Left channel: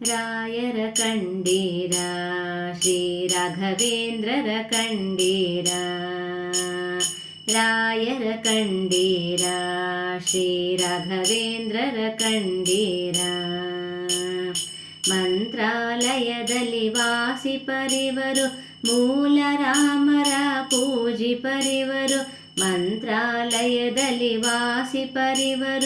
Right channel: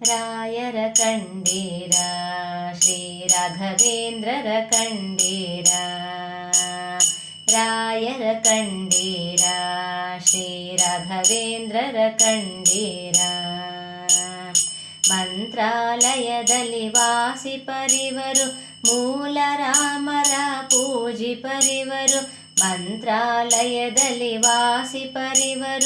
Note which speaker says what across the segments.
Speaker 1: ರಾಯರ ಕಂಡೀರ ಶ್ರೀ ರಾಘವೇಂದ್ರರ ಕಂಡೀರ ರಾಯರ ಕಂಡೀರ ಶ್ರೀ ರಾಘವೇಂದ್ರರ ಕಂಡೀರ ಮಂತ್ರಾಲಯದಲ್ಲಿ ವಾಸಿ ಪರಿವರು ಮೂಲ ರಾಮರ ಪೂಜಿ ಪರಿವರು ಮಂತ್ರಾಲಯದಲ್ಲಿ ವಾಸಿ ಪರಿವರು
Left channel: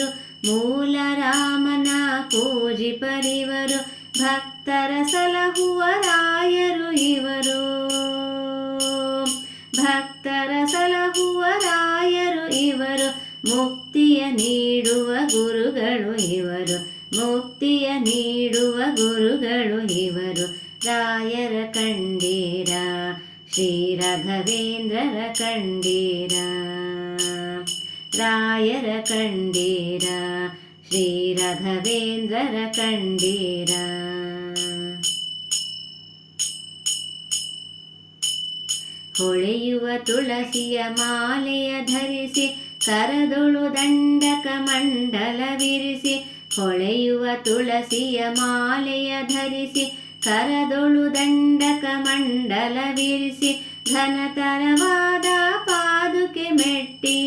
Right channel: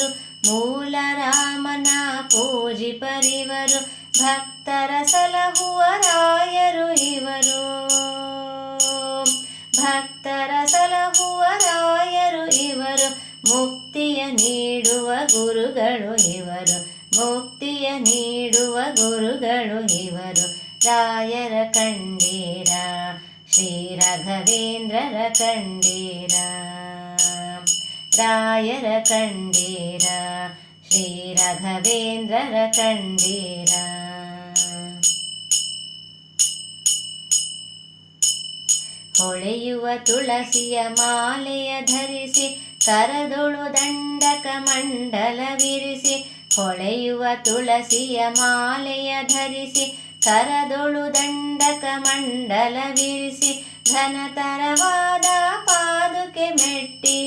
Speaker 1: ಮುಕ್ತಿಯ ನೀಡುವ ಗುರುಗಳು ಇವರು. ಮುಕ್ತಿಯ ನೀಡುವ ಗುರುಗಳು ಇವರು. ರಾಯರ ಕಂಡೀರ, ಶ್ರೀ ರಾಘವೇಂದ್ರರ ಕಂಡೀರ. ರಾಯರ ಕಂಡೀರ, ಶ್ರೀ ರಾಘವೇಂದ್ರರ ಕಂಡೀರ. ಹೊಳೆಯುವ ತುಳಸಿಯ ಮಾಲೆಯ ಧರಿಸಿ ಕರದೊಳು ದಂಡಕ ಮಂಡಲ ಮಂಡಲವಿರಿಸಿ ಹೊಳೆಯುವ ತುಳಸಿಯ ಮಾಲೆಯ ಧರಿಸಿ ಕರದೊಳು ದಂಡಕ ಮಂಡಲ ಮಂಡಲವಿರಿಸಿ ಘನತರವಾದ ಪಾದುಕೆ ಮೆಟ್ಟಿ.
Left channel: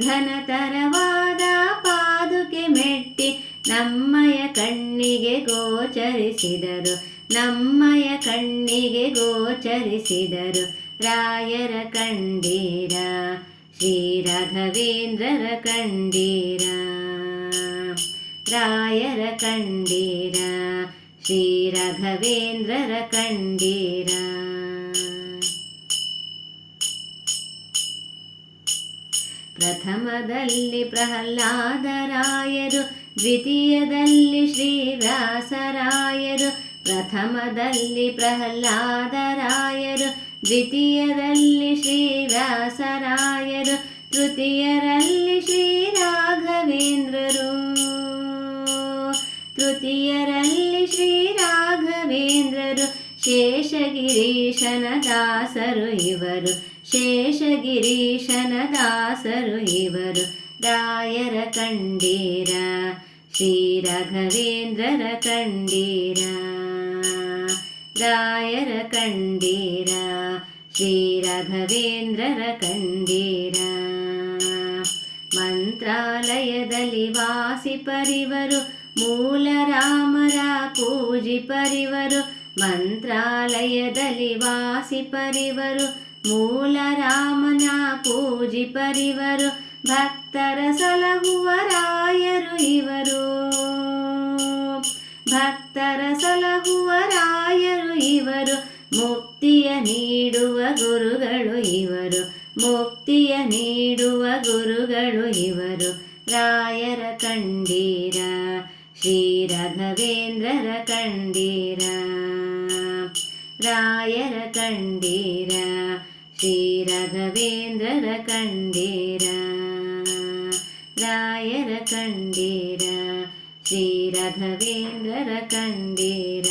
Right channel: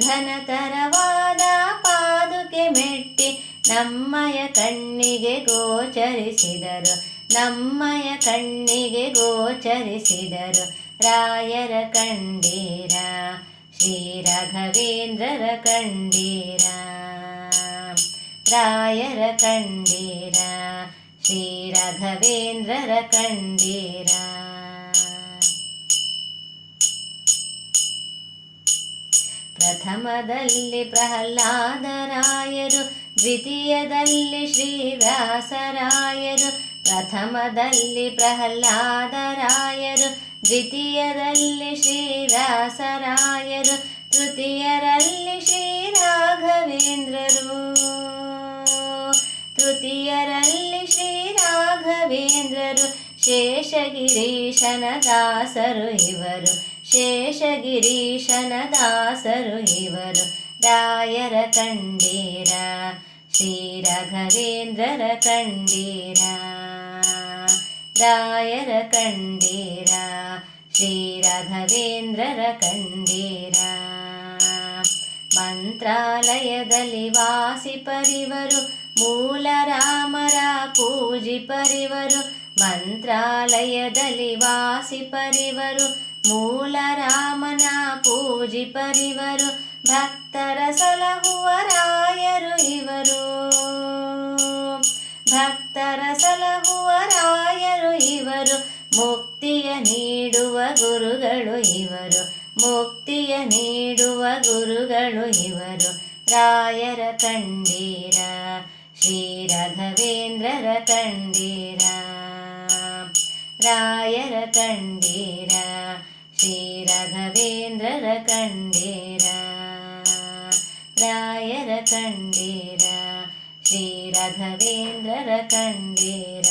Speaker 1: ಘನತರವಾದ ಪಾದುಕೆ ಮೆಟ್ಟಿ ನಮ್ಮಯ ಕಣ್ಣಿಗೆ ಗೋಚರಿಸಿದರು, ನಮ್ಮಯ ಕಣ್ಣಿಗೆ ಗೋಚರಿಸಿದರು. ರಾಯರ ಕಂಡೀರ ಶ್ರೀ ರಾಘವೇಂದ್ರರ ಕಂಡೀರ ರಾಯರ ಕಂಡೀರ ಶ್ರೀ ರಾಘವೇಂದ್ರರ ಕಂಡೀರ ಪ್ರಥಮದಲ್ಲಿ ಪ್ರಹ್ಲಾದರಾಯರು ದ್ವಿತೀಯದಲ್ಲಿ ಶ್ರೀವ್ಯಾಸರಾಯರು ಪ್ರಥಮದಲ್ಲಿ ಪ್ರಹ್ಲಾದರಾಯರು ದ್ವಿತೀಯದಲ್ಲಿ ಶ್ರೀದಾಸರಾಯರು ತೃತೀಯರಲ್ಲಿ ಶ್ರೀ ರಾಘವೇಂದ್ರರು ತೃತೀಯರಲ್ಲಿ ಶ್ರೀ ರಾಘವೇಂದ್ರರು ಶೇಷಗಿರೀಶನ ದಾಸರು ಇವರು. ಶೇಷಗಿರೀಶನ ದಾಸರು ಇವರು. ರಾಯರ ಕಂಡೀರ, ಶ್ರೀ ರಾಘವೇಂದ್ರರ ಕಂಡೀರ. ರಾಯರ ಕಂಡೀರ ಶ್ರೀ ರಾಘವೇಂದ್ರರ ಕಂಡೀರ ಮಂತ್ರಾಲಯದಲ್ಲಿ ವಾಸಿ ಪರಿವರು ಮೂಲ ರಾಮರ ಪೂಜಿ ಪರಿವರು ಮಂತ್ರಾಲಯದಲ್ಲಿ ವಾಸಿ ಪರಿವರು ಮೂಲ ರಾಮನ ಪೂಜಿ ಪರಿವರು ಭಕ್ತರ ಸಲಹುವ ರಾಯರು ಇವರು ಭಕ್ತರ ಸಲಹುವ ರಾಯರು ಗುರುಗಳು ಇವರು ರಾಯರ ಕಂಡೀರ ಶ್ರೀ ರಾಘವೇಂದ್ರರ ಕಂಡೀರ ರಾಯರ ಕಂಡೀರ ಶ್ರೀ ರಾಘವೇಂದ್ರರ ಕಂಡೀರ ರಾಯರ ಕಂಡೀರ ಶ್ರೀ ರಾಘವೇಂದ್ರರ ಕಂಡೀರ